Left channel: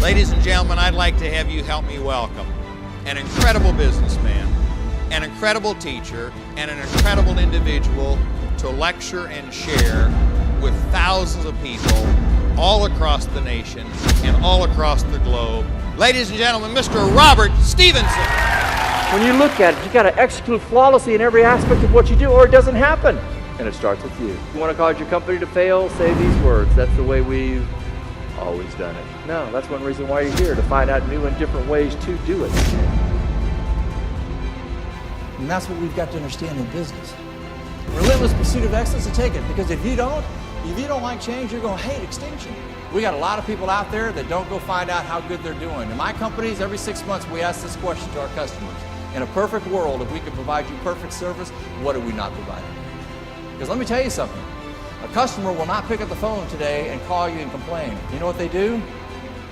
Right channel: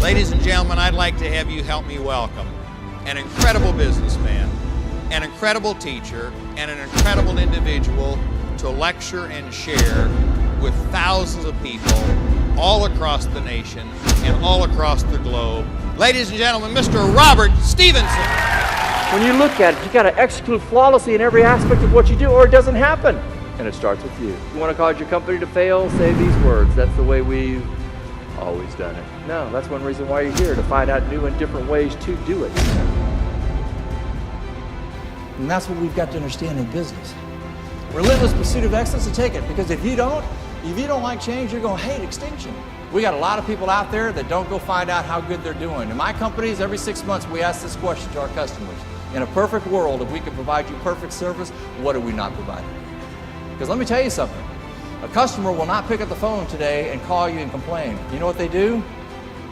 Ladies and gentlemen, I'd like to have you help me welcome an incredible businessman, an incredible teacher, and an incredible individual to lecture and share with thousands of people all across the nation and all across the globe. Ladies and gentlemen, Mr. Robert Stevenson. When you look at it, you got to execute flawlessly in every aspect of what you do, or it doesn't happen. And it starts with you. You want to cause your company to fail? Say these words. That's the way we've always done it. No, that's one reason why you're here, to find out new and different ways to do it. And that's what we've got to understand in business. Relentless pursuit of excellence, to take it, because if you don't like change, you're going to hate extinction. We got a lot of people out there that don't go find out how good they're doing. In my companies, every 6 months we ask this question to our customers. In a perfect world, if we could provide you perfect service, what are we not providing? Because let me tell you something. A customer will not pick up the phone today and call you and complain. You know what they do?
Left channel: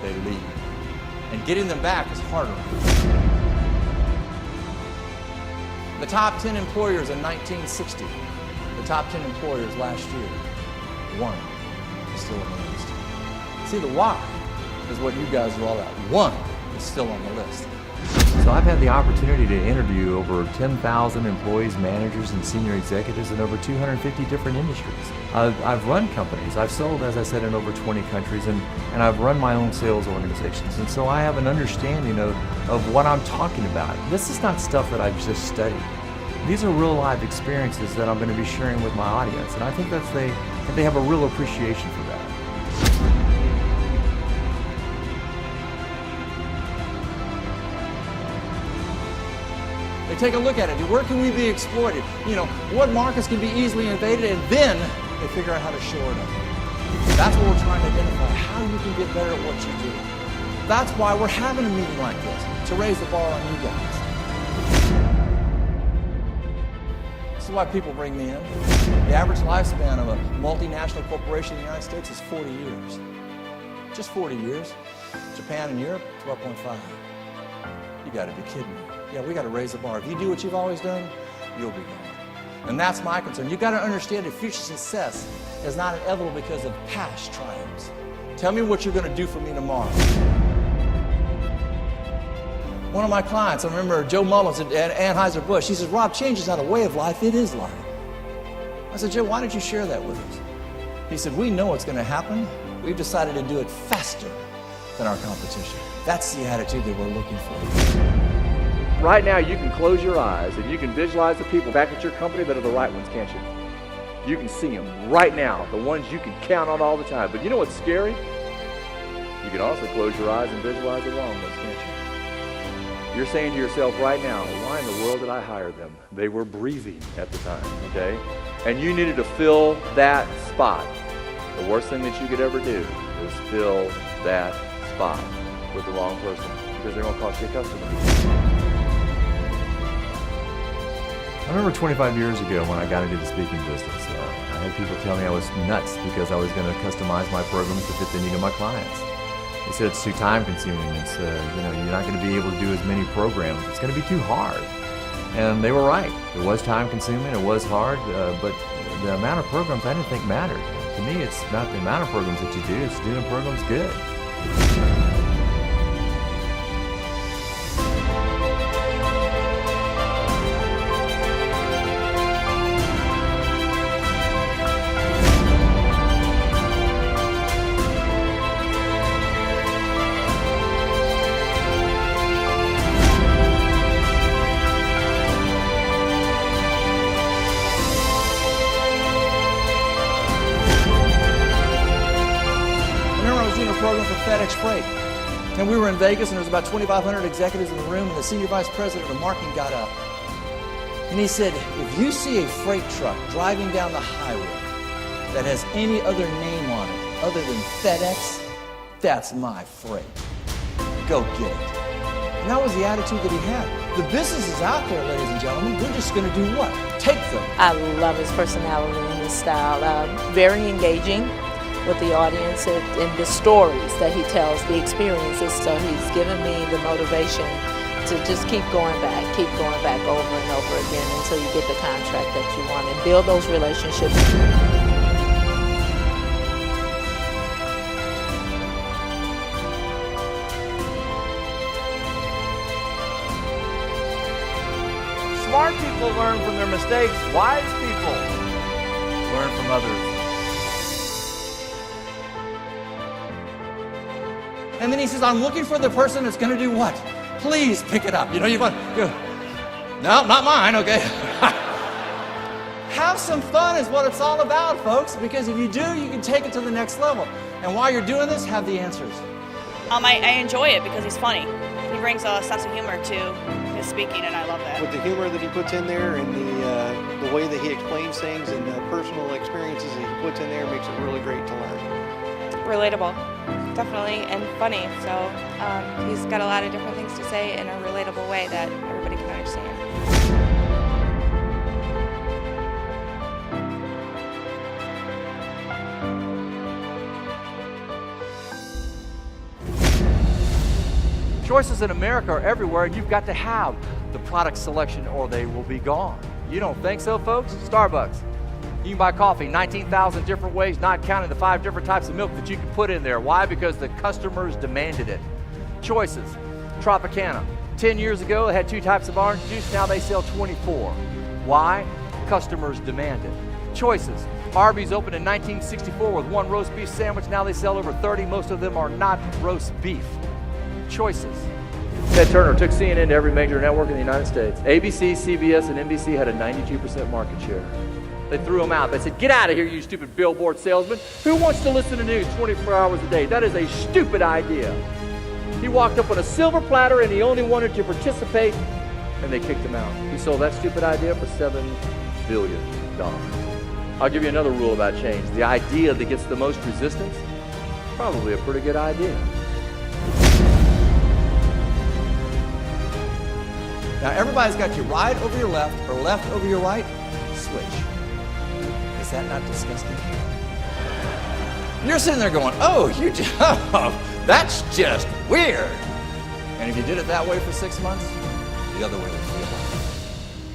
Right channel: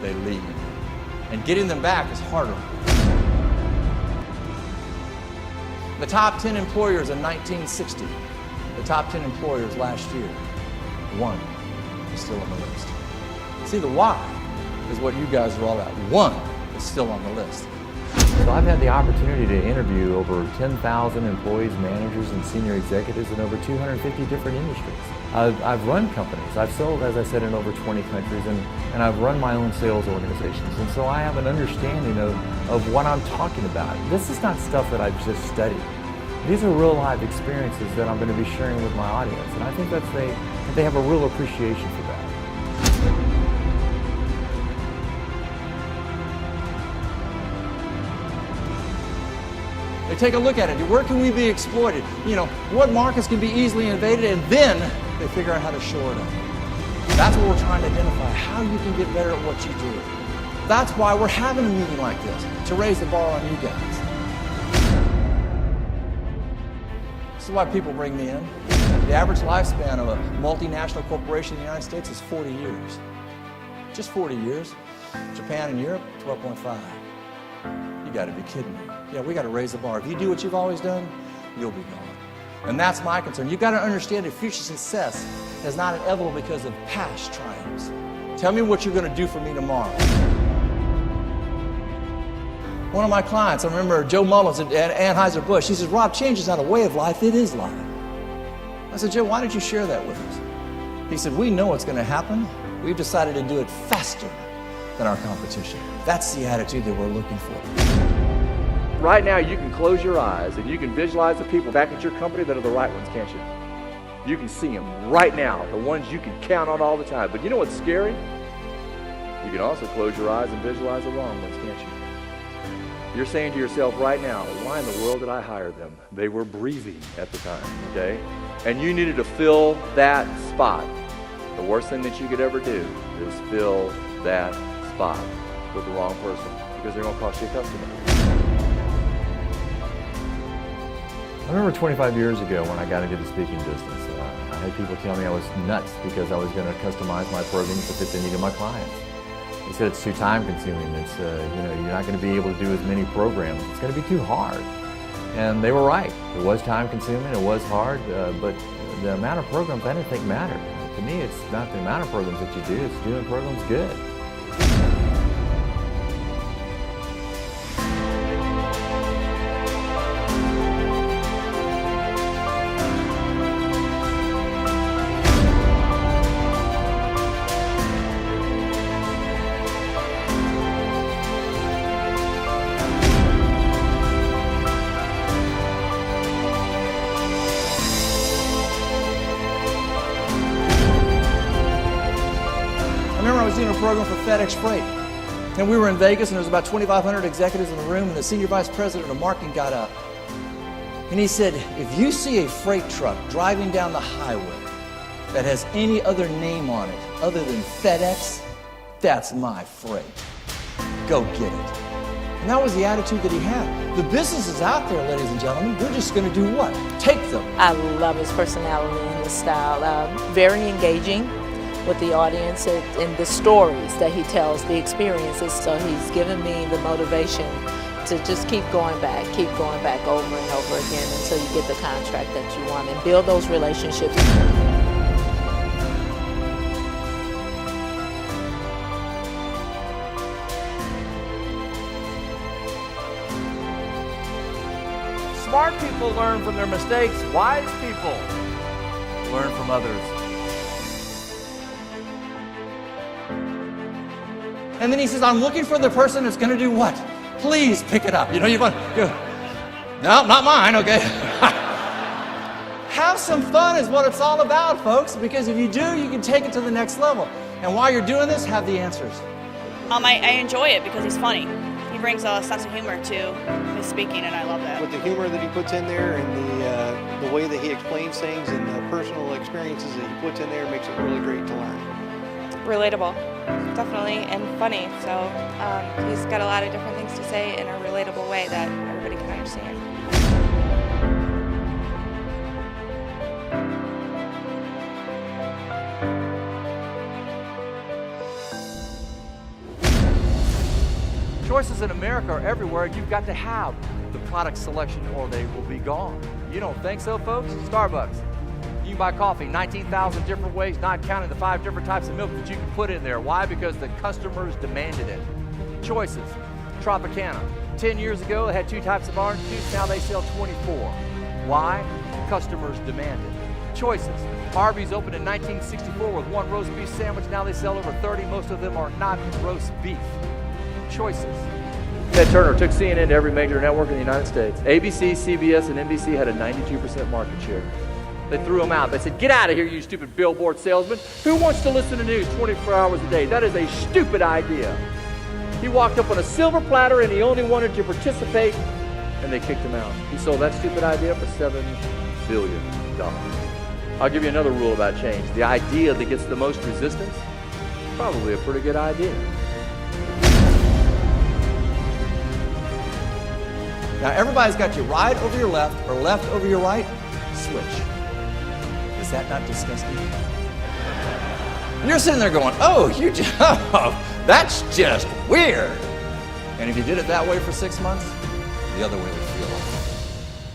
They leave. And getting them back is harder. The top 10 employers in 1960, the top 10 employers last year, one is still on the list. See, the why is what you guys are all about. One is still on the list. So I've had the opportunity to interview over 10,000 employees, managers, and senior executives in over 250 different industries. I've run companies. I've sold, as I said, in over 20 countries, and I've run my own sales organizations. And so I have an understanding of what I'm talking about. This is not stuff that I've just studied. These are real life experiences that I'm going to be sharing with my audience. And I think that they have a real appreciation for that. They take a look at it. Where can we be exploited? You know, what markets can be easily invaded, and then they figure out how to shore it up. That's what we're trying to identify, how you can get better at what you do. That's why we're having a meeting like this, to raise the bar on you guys. This is why people bring me in. The average lifespan of a multinational corporation in the United States is 40 years. Just 40 years. Japan and Europe, 12.5. You got to be kidding me. Yeah, we got to raise the bar. If you do what you've always done, you'll be gone. And that's my concern. You've got to understand that future success is not inevitable because of past triumphs. Tell me what you're going to do for me tomorrow. One of my clients, I remember Joe Mullins at Anheuser-Busch, he says, Rob, change is not a way of life, it is life. I said, Joe, why did you share that with us? He said, we know what's going to happen. We've decided to do it faster than our competition. That's the attitude that we're looking for. Right now, you can close your eyes and you can visualize the people back at your company that are the right ones, can't you? You can see them right now, the ones you can count on all the time. But you know what's scary? You can also close your eyes and visualize the wrong ones, can't you? You're saying to yourself right now, why in the world did I hire them? They were breathing at the time, okay? And you needed to fill that spot. The worst thing that you could ever do is fill that spot with the wrong person, because they're going to cost you a customer. I remember 25 years ago when I got into the speaking business, I had people tell me I was nuts because I was going to customize my programs to fit the need of my clients. They said it's too time consuming. It's you're not going to be able to do as many programs. It's going to be too hard. And they were right. It was time consuming. It was hard. But the amount of programs I didn't think mattered. To me, it's not the amount of programs that you do. It's doing programs good. I remember I was doing a program for FedEx Freight, and we were in Vegas, and there was about 2,500 executives in the room, and the senior vice president of marketing got up, and he said, if you see a freight truck driving down the highway that has any other name on it other than FedEx, that's my freight. Go get it. And that was the attitude that he had. The business is out there, ladies and gentlemen. We're just going to do what? Take them. I love his personality and his style. Very engaging with the audience and the stories that he tells, the experiences. So he's given me the motivation to just keep going back over and over again until you get the contract that you want and build those relationships. Smart people learn from their mistakes. Wise people learn from others. And then he says, I'm looking for the person that's going to do what? Please pick it up. You know, you go, no, not mine, okay? Have some fun is what it's all about, folks, because if you do, you can take it to the next level. And while you're doing this, have the answers. I enjoy it because he's funny. He brings a sense of humor to his speaking, and I love that. With the humor that he puts in there and the way that he explains things and the personal experiences that he puts in there makes it really great to learn. Relatable, definitely, and funny. So he's got a lot of different things to say in a relatable way that everybody can understand. Choices in America are everywhere, and you've got to have the product selection or they will be gone. You don't think so, folks? Starbucks. You can buy coffee 19,000 different ways, not counting the 5 different types of milk that you can put in there. Why? Because the customers demanded it. Choices. Tropicana. 10 years ago, they had 2 types of orange juice. Now they sell 24. Why? Customers demand it. Choices. Arby's opened in 1964 with 1 roast beef sandwich. Now they sell over 30. Most of them are not roast beef. Choices. Ted Turner took CNN to every major network in the United States. ABC, CBS, and NBC had a 92% market share. They threw him out. They said, get out of here, you stupid billboard salesman. Who wants to listen to news 24 hours a day? That is a stupid idea. He walked up on a silver platter and he only wanted to participate, and they kicked him out. He sold that stupid idea for $7 billion. I'll give you another rule about change. The idea that gets the most resistance, probably a pretty good idea. Now, everybody's got your right over your left or left over your right. Switch. Is that not disgusting? You're sitting there going, oh, that's just weird. And if you did it that way for 6 months, the other way would feel like.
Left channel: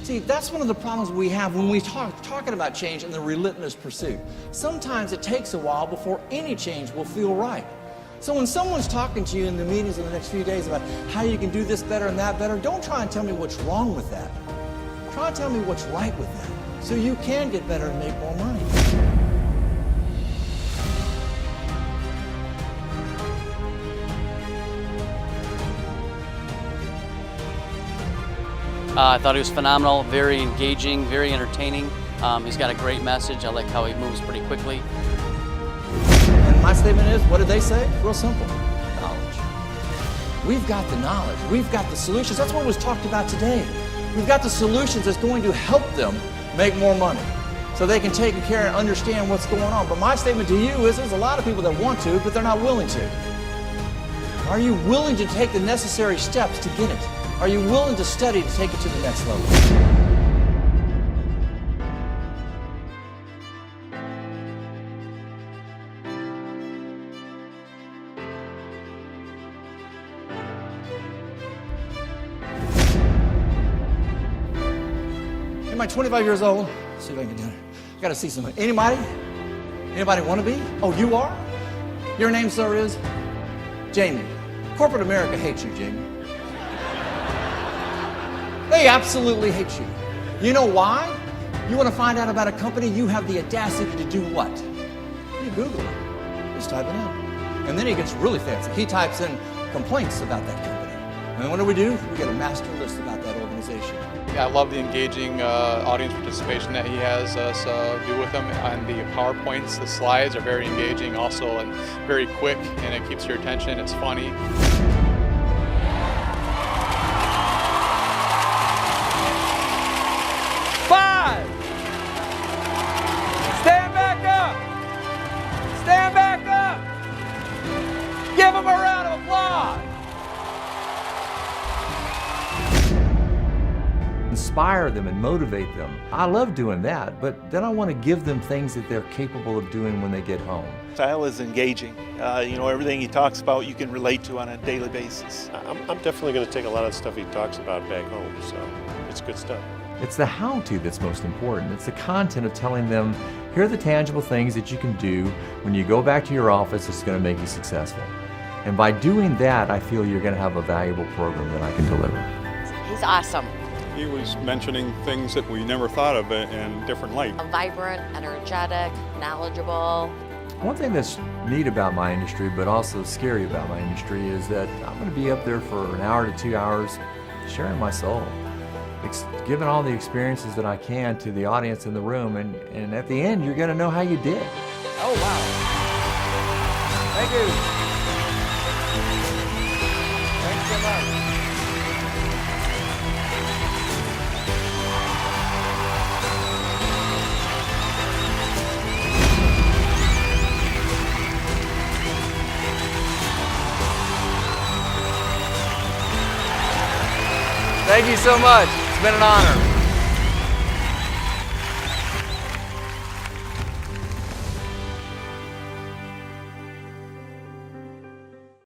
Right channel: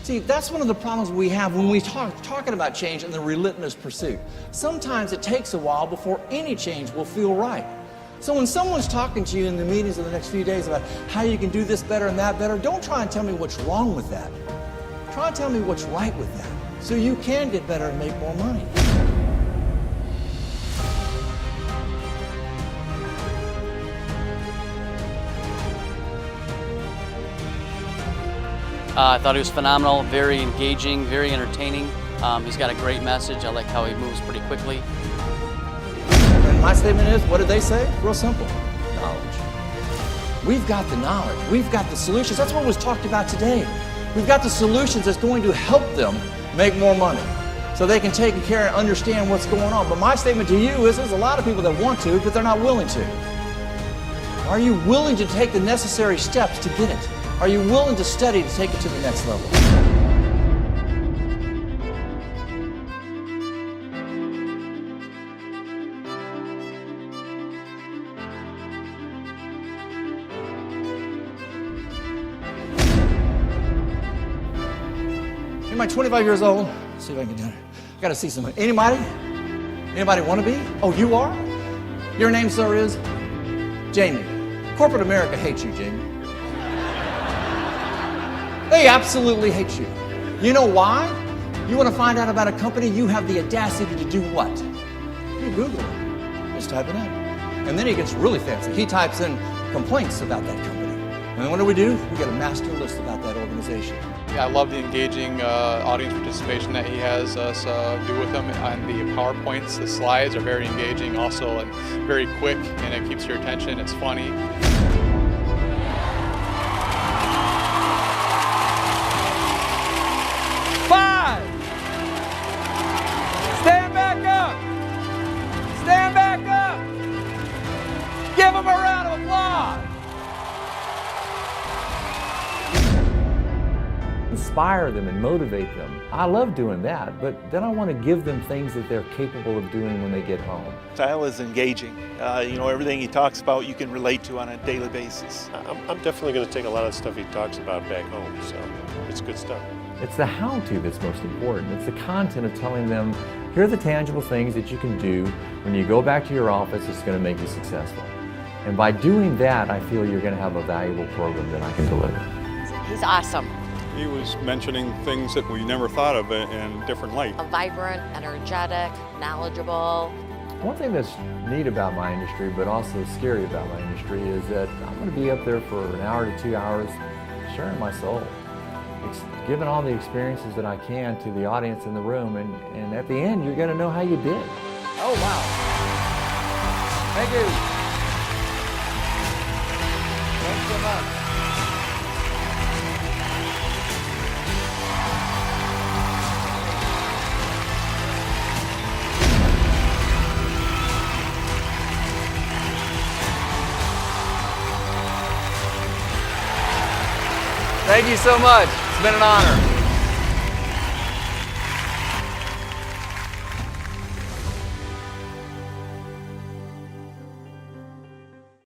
See, that's one of the problems we have when we talking about change and the relentless pursuit. Sometimes it takes a while before any change will feel right. So when someone's talking to you in the meetings in the next few days about how you can do this better and that better, don't try and tell me what's wrong with that. Try and tell me what's right with that so you can get better and make more money. I thought he was phenomenal, very engaging, very entertaining. He's got a great message. I like how he moves pretty quickly. And my statement is, what did they say? Real simple, knowledge. We've got the knowledge. We've got the solutions. That's what was talked about today. We've got the solutions that's going to help them make more money so they can take care and understand what's going on. But my statement to you is there's a lot of people that want to, but they're not willing to. Are you willing to take the necessary steps to get it? Are you willing to study to take it to the next level? Anybody 25 years old? Let's see if I can do it. I gotta see somebody. Anybody? Anybody want to be? Oh, you are? Your name, sir, is? Jamie. Corporate America hates you, Jamie. They absolutely hate you. You know why? You want to find out about a company, you have the audacity to do what? You Google it. Just type it in. And then he gets really fancy. He types in complaints about that company. And then what do? We get a master list about that organization. I love the engaging audience participation that he has us do with them. And the PowerPoints, the slides are very engaging also and very quick, and it keeps your attention. It's funny. Five. Stand back up. Stand back up. Give them a round of applause. Inspire them and motivate them. I love doing that, but then I want to give them things that they're capable of doing when they get home. Style is engaging. Everything he talks about you can relate to on a daily basis. I'm definitely going to take a lot of the stuff he talks about back home, so it's good stuff. It's the how-to that's most important. It's the content of telling them, here are the tangible things that you can do when you go back to your office that's going to make you successful. And by doing that, I feel you're going to have a valuable program that I can deliver. He's awesome. He was mentioning things that we never thought of in different light. Vibrant, energetic, knowledgeable. One thing that's neat about my industry, but also scary about my industry, is that I'm going to be up there for an hour to 2 hours sharing my soul, giving all the experiences that I can to the audience in the room, and at the end, you're going to know how you did. Oh, wow. Thank you. Thanks so much. Thank you so much. It's been an honor.